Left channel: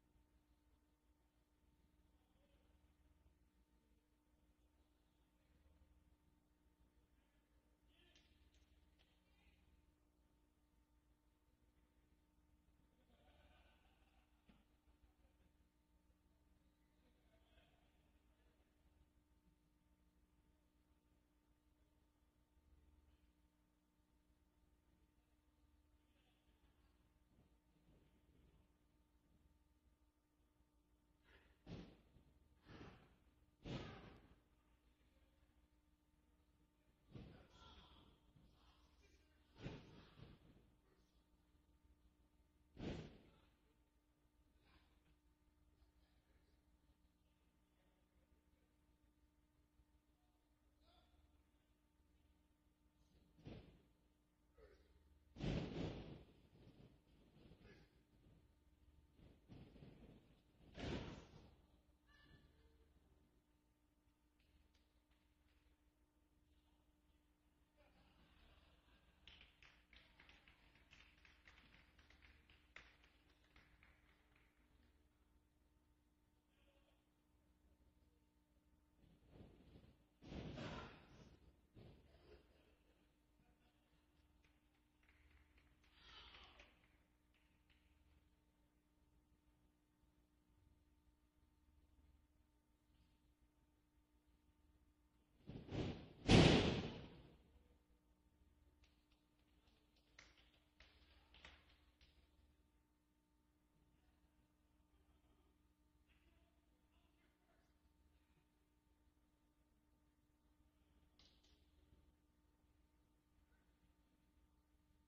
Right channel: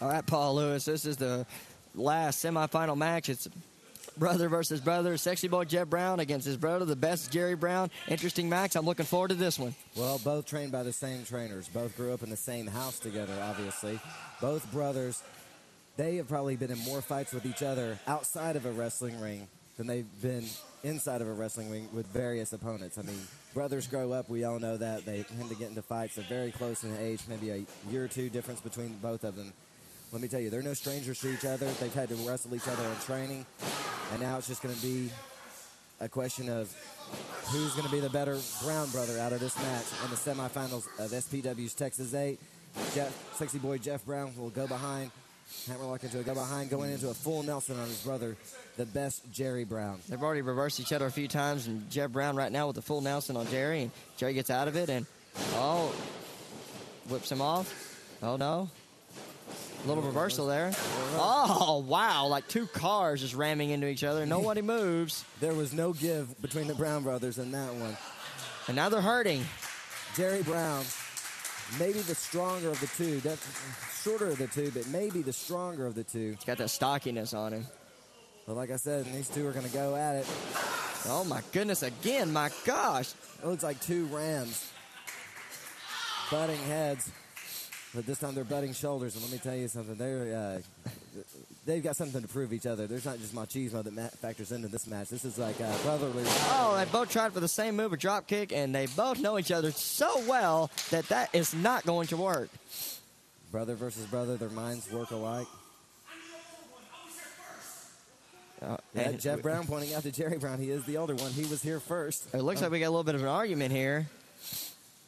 All right, Paul Lewis, this is the last semifinal match. It's brother versus brother. Sexy boy Jeff Brown against his brother, the best Jerry Brown. Interesting match. I'm looking forward to this one. Well, both trained by the same trainers. Both grew up in the same house together, obviously. Both brothers, they have probably been in more fights with each other outside of a wrestling ring than they've been inside of a wrestling ring with various opponents. I mean, brothers grow up. We all know that. They tend to get into fights. They're very close in age, maybe a year or two difference between both of them. Let me tell you, they're no strangers to each other. They've had to wrestle each other in training, and now it's just going to be a question of who's going to be the better Brown brother out of this match in the semifinals of SPW's Texas 8. Sexy boy Jeff Brown will go behind. Hammerlock into a go behind, going into a full Nelson on his brother, the best Jerry Brown. They've already reversed each other a few times, and Jeff Brown right now with the full Nelson on Jerry, and Jerry gets out of it, and whips him off. Oh, no. A little reversal there. Oh, wow, like two cars just ramming into each other. Nobody moves. There was no give between the Brown brothers in that one. And now they're hurting. Jerry Brown, maybe the stronger of the two. That's shorter of the two, but maybe the stronger of the two. He's got that stockiness on him. But like I said, these two are going to go at it. Oh, my goodness, again, my gosh. It looks like two Rams butting heads. But this time they're butting shoulders, and let me tell you something. They've got something to prove each other. There's not just machismo that factors into this match. This is like brotherly. Oh, they both tried for the same move, a drop kick, and they both know each other so well that is not going to work. Brother versus brother, their minds work alike. Jeff Brown pointing out to Jerry Brown. He is the older one. He was here first. It looks like we got a little bit of an argument here.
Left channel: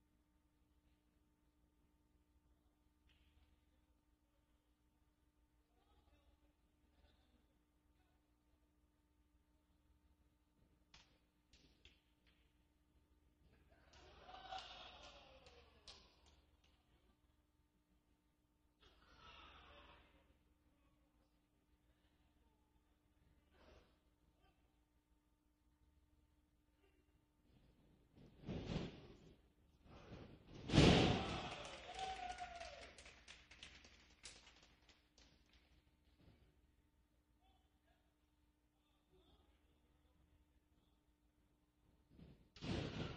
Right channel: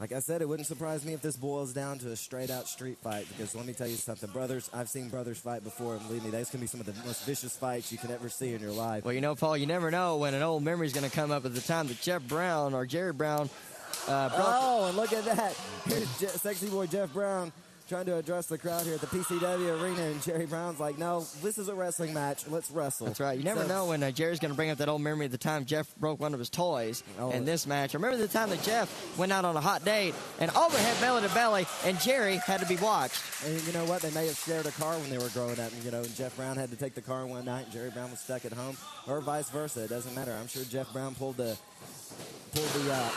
Like I said, it wouldn't surprise me if this boils down to a straight-out street fight, because let me tell you something. Brothers, I've seen brothers fight before, and believe me, those can be some of the most vicious fights you can ever see in your life. Well, you know, Paul, you never know when an old memory is going to come up at the time that Jeff Brown or Jerry Brown and look at that. Here's sexy boy Jeff Brown trying to address the crowd here at the PCW arena, and Jerry Brown's like, no, this is a wrestling match. Let's wrestle. That's right. You never know when Jerry's going to bring up that old memory of the time Jeff broke one of his toys in this match. Remember the time that Jeff went out on a hot date and overhead belly to belly, and Jerry had to be watched. And you know what? They may have shared a car when they were growing up. And Jeff Brown had to take the car one night, and Jerry Brown was stuck at home, or vice versa. It doesn't matter. I'm sure Jeff Brown pulled the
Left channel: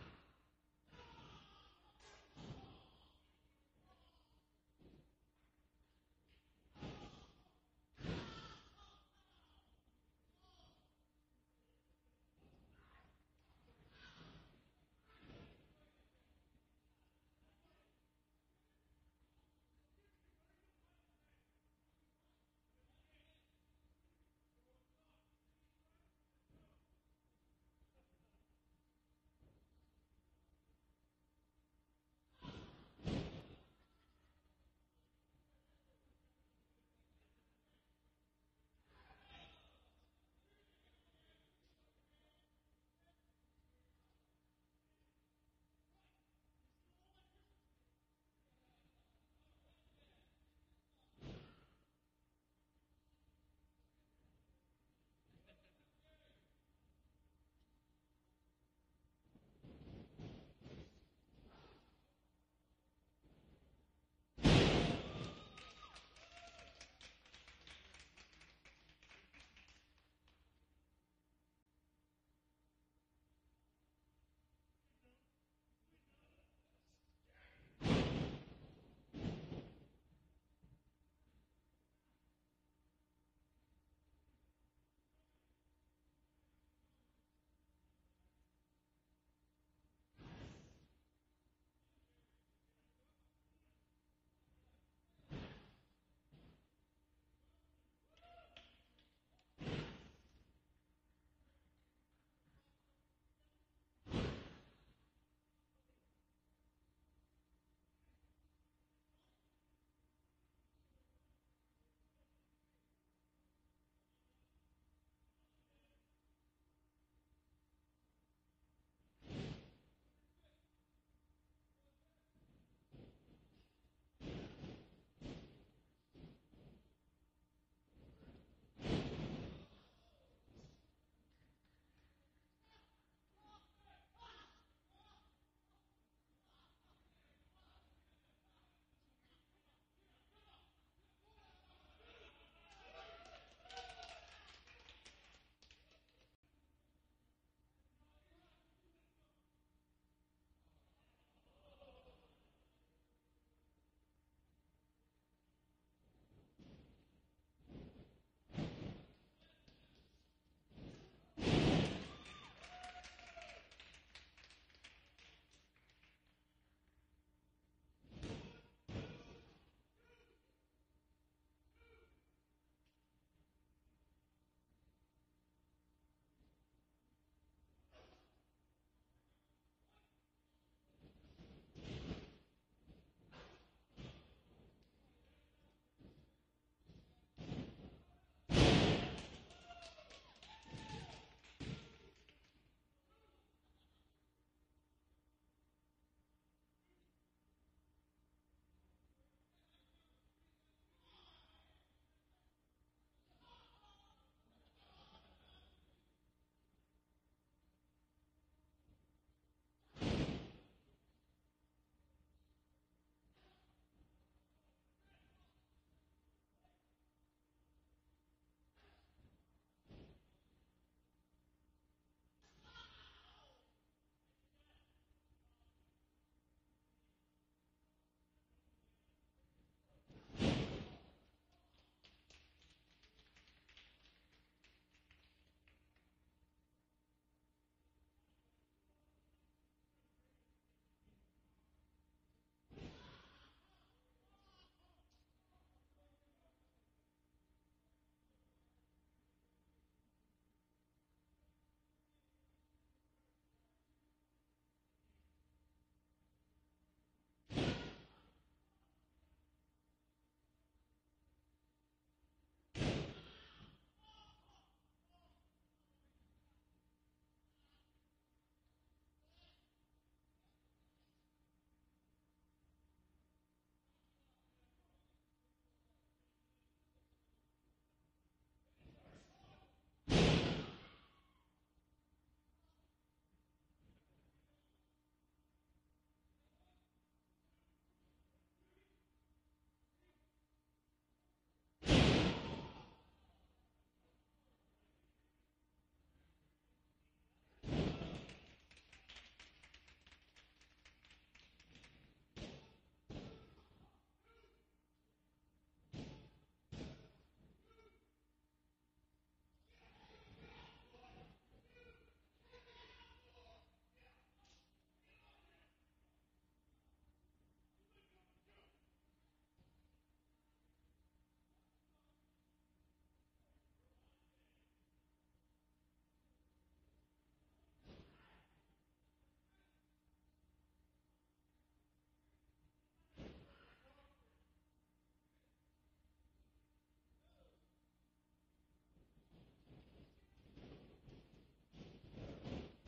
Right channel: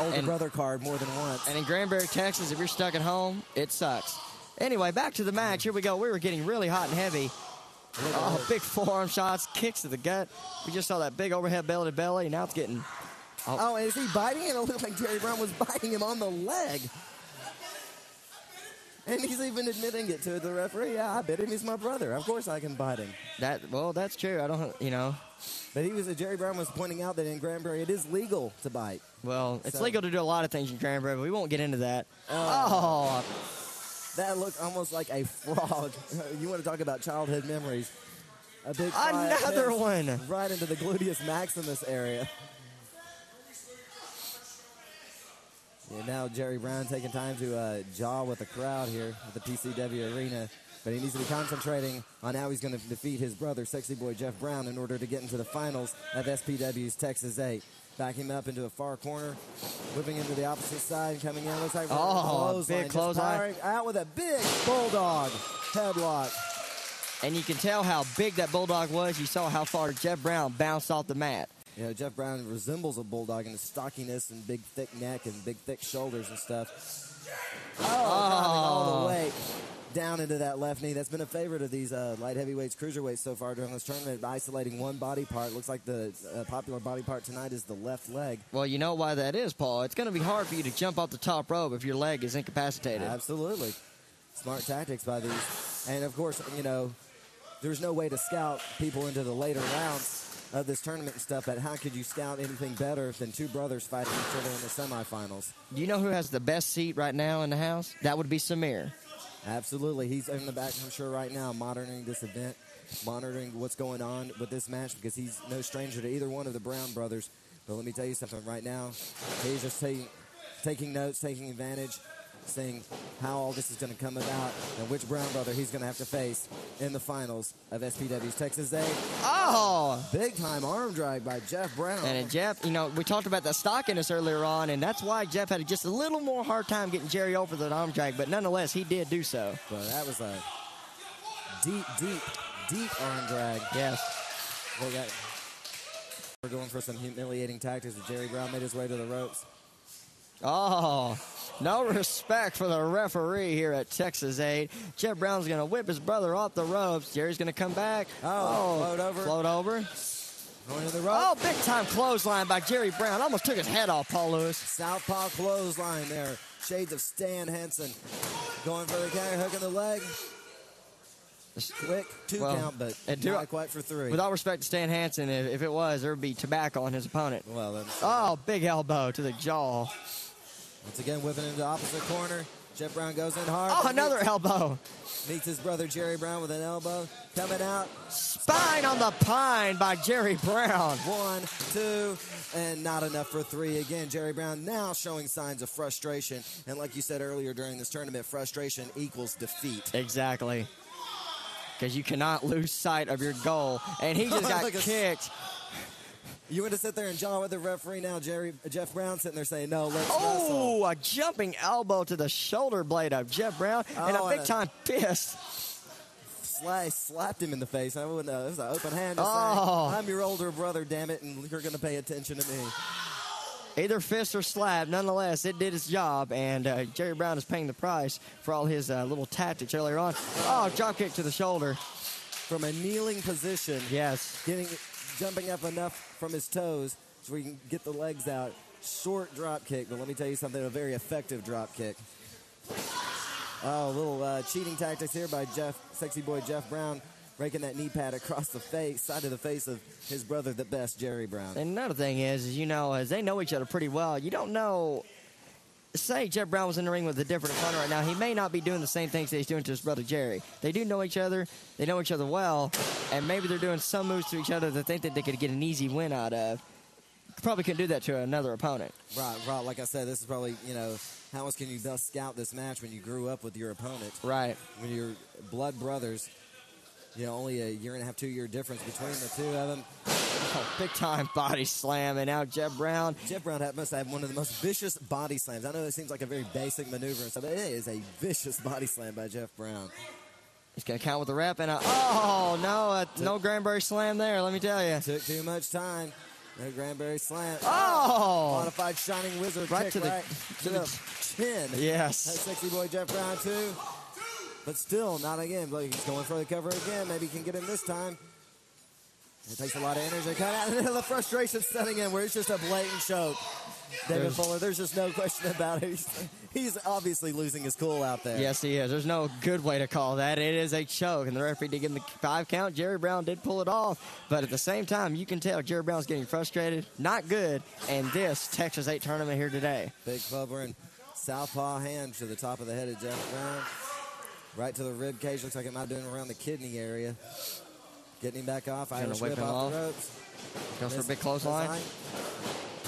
older brother card more than once. And in Granbury, Texas, if you're stuck at home, it sucks. Anyway, back to the match. Here we go. We were getting really hot and heavy. Oh, big forearm shots, kicks to the gut. We just saw that big overhead belly to belly, and now it's getting... Oh, is he biting him? It looked like Jerry Brown was biting him on the leg. And he's even admitting it to the referee. Yeah, I bit him. He's my brother. Of course I can bite him. That's true. I don't, But Jerry Brown was pointing out that in Granbury it is legal to bite. Well, it's legal to do a lot of things in Granbury, but we won't get into that. That looked almost like a frog. You want to talk about childhood memories. A big another one. Right into the gluteus maximus area. Yeah, now Jerry Brown taking time to jaw with the crowd here at the PCW arena. But he needs to be concentrating on how he's going to defeat his brother, sexy boy Jeff Brown, in order to get into the finals of SPW's Texas 8. Backing him up into a far corner, moving into the opposite side, coming in. Looks like big clothesline. Out with a big bulldog headlock. And you can tell how big that bulldog was. You saw how far Jeff Brown bounced off the mat. Jeff Brown resembles a bulldog in his stockiness and big, thick neck and big, thick shoulders and stuff. All the way down into that left knee. That's been a favorite of these light heavyweights, cruiserweights so far during this tournament, isolating one body part. Looks like the popular body part tonight is the left leg. Well, you know why that is, Paul. It's going to be hard for you to jump off the top rope if your leg is incapacitated. Absolutely. Smart tactics by these. And, of course, there's no way to scout people into the later rounds of this tournament and stuff, but how could you scout anything better than two brothers fighting each other in the semifinals? Do you know who has the best seat right now in the house? That would be Samir. Absolutely. He's in the back, I'm sure, right now, monitoring this event, monitoring what's going on with this match, because he's no stranger to either one of the Brown brothers. But let me tell you something right now. He's just taking notes, taking advantage, seeing how all this is going to come about and which Brown brother he's going to have to face in the finals of SPW's Texas 8. Big-time arm drag by Jeff Brown. And Jeff, we talked about the stockiness earlier on, and that's why Jeff had just a little more hard time getting Jerry over the arm drag, but nonetheless, he did do so. But that was a deep arm drag. Yes. We're going for some humiliating tactics. Jerry Brown made his way to the ropes. Oh, no respect for the referee here at Texas 8. Jeff Brown's going to whip his brother off the ropes. Jerry's going to come back. Float over. Float over. Going to the rope. Oh, big-time clothesline by Jerry Brown. Almost took his head off, Paul Lewis. Southpaw clothesline there. Shades of Stan Henson. Going for the counter, hooking the leg. Quick, two count, but not quite for three. With all respect to Stan Hansen, if it was, there would be tobacco on his opponent. Well, then. Oh, big elbow to the jaw. Once again, whipping into the opposite corner. Jeff Brown goes in hard. Oh, another elbow. Meets his brother Jerry Brown with an elbow. Coming out. Spine on the pine by Jerry Brown. 1, 2, and not enough for 3. Again, Jerry Brown now showing signs of frustration. And like you said earlier during this tournament, frustration equals defeat. Exactly. Because you cannot lose sight of your goal. And he just got kicked. You want to sit there and jaw with the referee now, Jeff Brown sitting there saying, no, let's wrestle. A jumping elbow to the shoulder blade of Jeff Brown and a big-time fist. Slapped him in the face. It was an open hand. Saying, I'm your older brother, damn it, and you're going to pay attention to me. Either fist or slap, nonetheless, it did its job, and Jerry Brown is paying the price for all his little tactics earlier on. Oh, drop kick to the shoulder. From a kneeling position. Yes. Jumping up enough from his toes so we can get the legs out. Short drop kick, but let me tell you something, a very effective drop kick. Oh, a little cheating tactics here by sexy boy Jeff Brown. Breaking that knee pad across the side of the face of his brother, the best, Jerry Brown. And another thing is, as they know each other pretty well, you don't know. Say Jeff Brown was in the ring with a different opponent right now, he may not be doing the same things that he's doing to his brother Jerry. They do know each other. They know each other well, and maybe they're doing some moves to each other that think that they could get an easy win out of. Probably couldn't do that to another opponent. Right. Like I said, this is probably, how else can you best scout this match when you grew up with your opponent? Right. When you're blood brothers. Only a 1.5, 2-year difference between the two of them. Big-time body slam, and now Jeff Brown. Jeff Brown must have one of the most vicious body slams. I know it seems like a very basic maneuver and stuff, but it is a vicious body slam by Jeff Brown. He's going to count with the rep, and no Granberry slam there, let me tell you. Took too much time. No Granberry slam. Oh! Modified Shining Wizard right kick to the chin. Yes. That's sexy boy Jeff Brown, too. But still, not again. He's going for the cover again. Maybe he can get him this time. It takes a lot of energy to cut out. And the frustration setting in where it's just a blatant choke. David Fuller, there's just no question about it. He's obviously losing his cool out there. Yes, he is. There's no good way to call that. It is a choke, and the referee did give him the 5 count. Jerry Brown did pull it off, but at the same time, you can tell Jerry Brown's getting frustrated. Not good, and this Texas 8 tournament here today. Big Bubba and southpaw hand to the top of the head of Jeff Brown. Right to the rib cage. Looks like it might be doing around the kidney area. Getting him back off. Irish whip off the ropes. Goes for a big clothesline.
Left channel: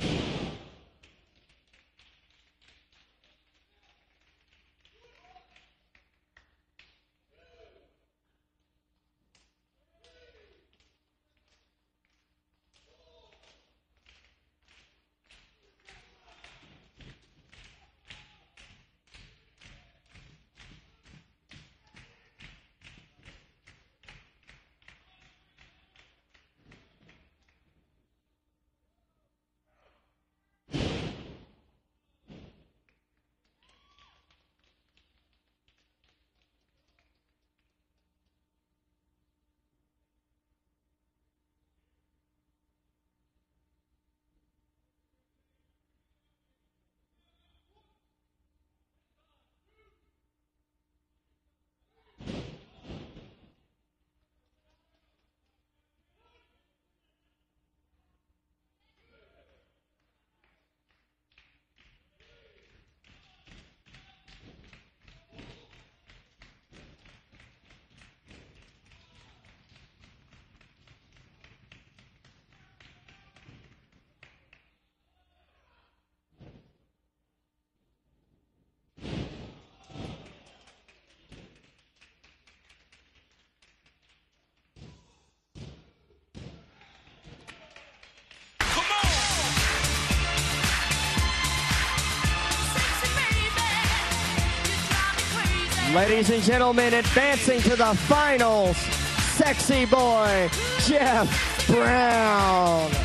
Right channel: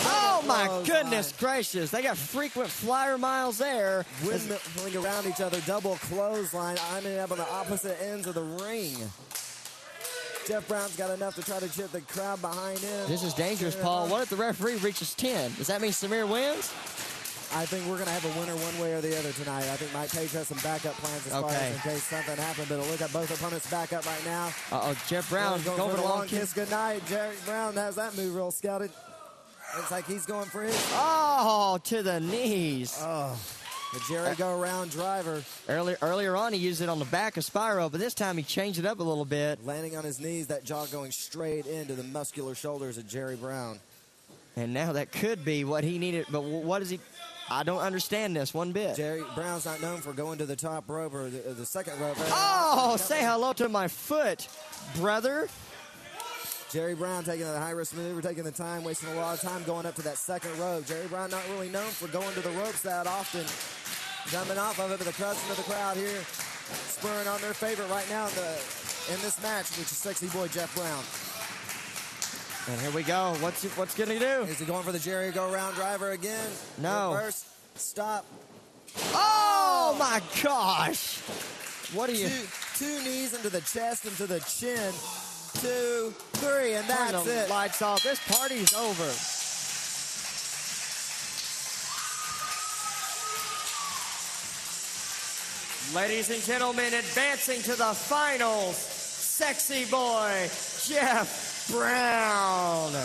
Oh, my goodness gracious. They got frequent flyer miles there. Windmilling around each other. Double clothesline. I'm up on the opposite ends of the ring. Jeff Brown's got enough to try to chip the crowd behind him. This is dangerous, Paul. What if the referee reaches 10? Does that mean Samir wins? I think we're going to have a winner one way or the other tonight. I think Mike Page has some backup plans as far as in case something happened. But look at both opponents back up right now. Jeff Brown going for the long kiss goodnight. Jerry Brown has that move real scouted. Looks like he's going for his. Oh, to the knees. Oh, the Jerry go-around driver. Earlier on, he used it on the back of Spyro, but this time he changed it up a little bit. Landing on his knees, that jaw going straight into the muscular shoulders of Jerry Brown. And now that could be what he needed, but what is he? I don't understand this one bit. Jerry Brown's not known for going to the top rope or the second rope. Oh, say hello to my foot, brother. Jerry Brown taking the high-risk maneuver, taking the time, wasting a lot of time going up to that second rope. Jerry Brown not really known for going to the ropes that often. Jumping off of it, but the crowd here spurring on their favorite right now in this match, which is sexy boy Jeff Brown. And here we go. What's going to do? Is he going for the Jerry go-round driver again? No. Reverse. Stop. Oh, my gosh. What are you? Two knees into the chest, into the chin. 2, 3, and that's it. Lights off. This party's over. Ladies and gentlemen, advancing to the finals, sexy boy, Jeff Brown.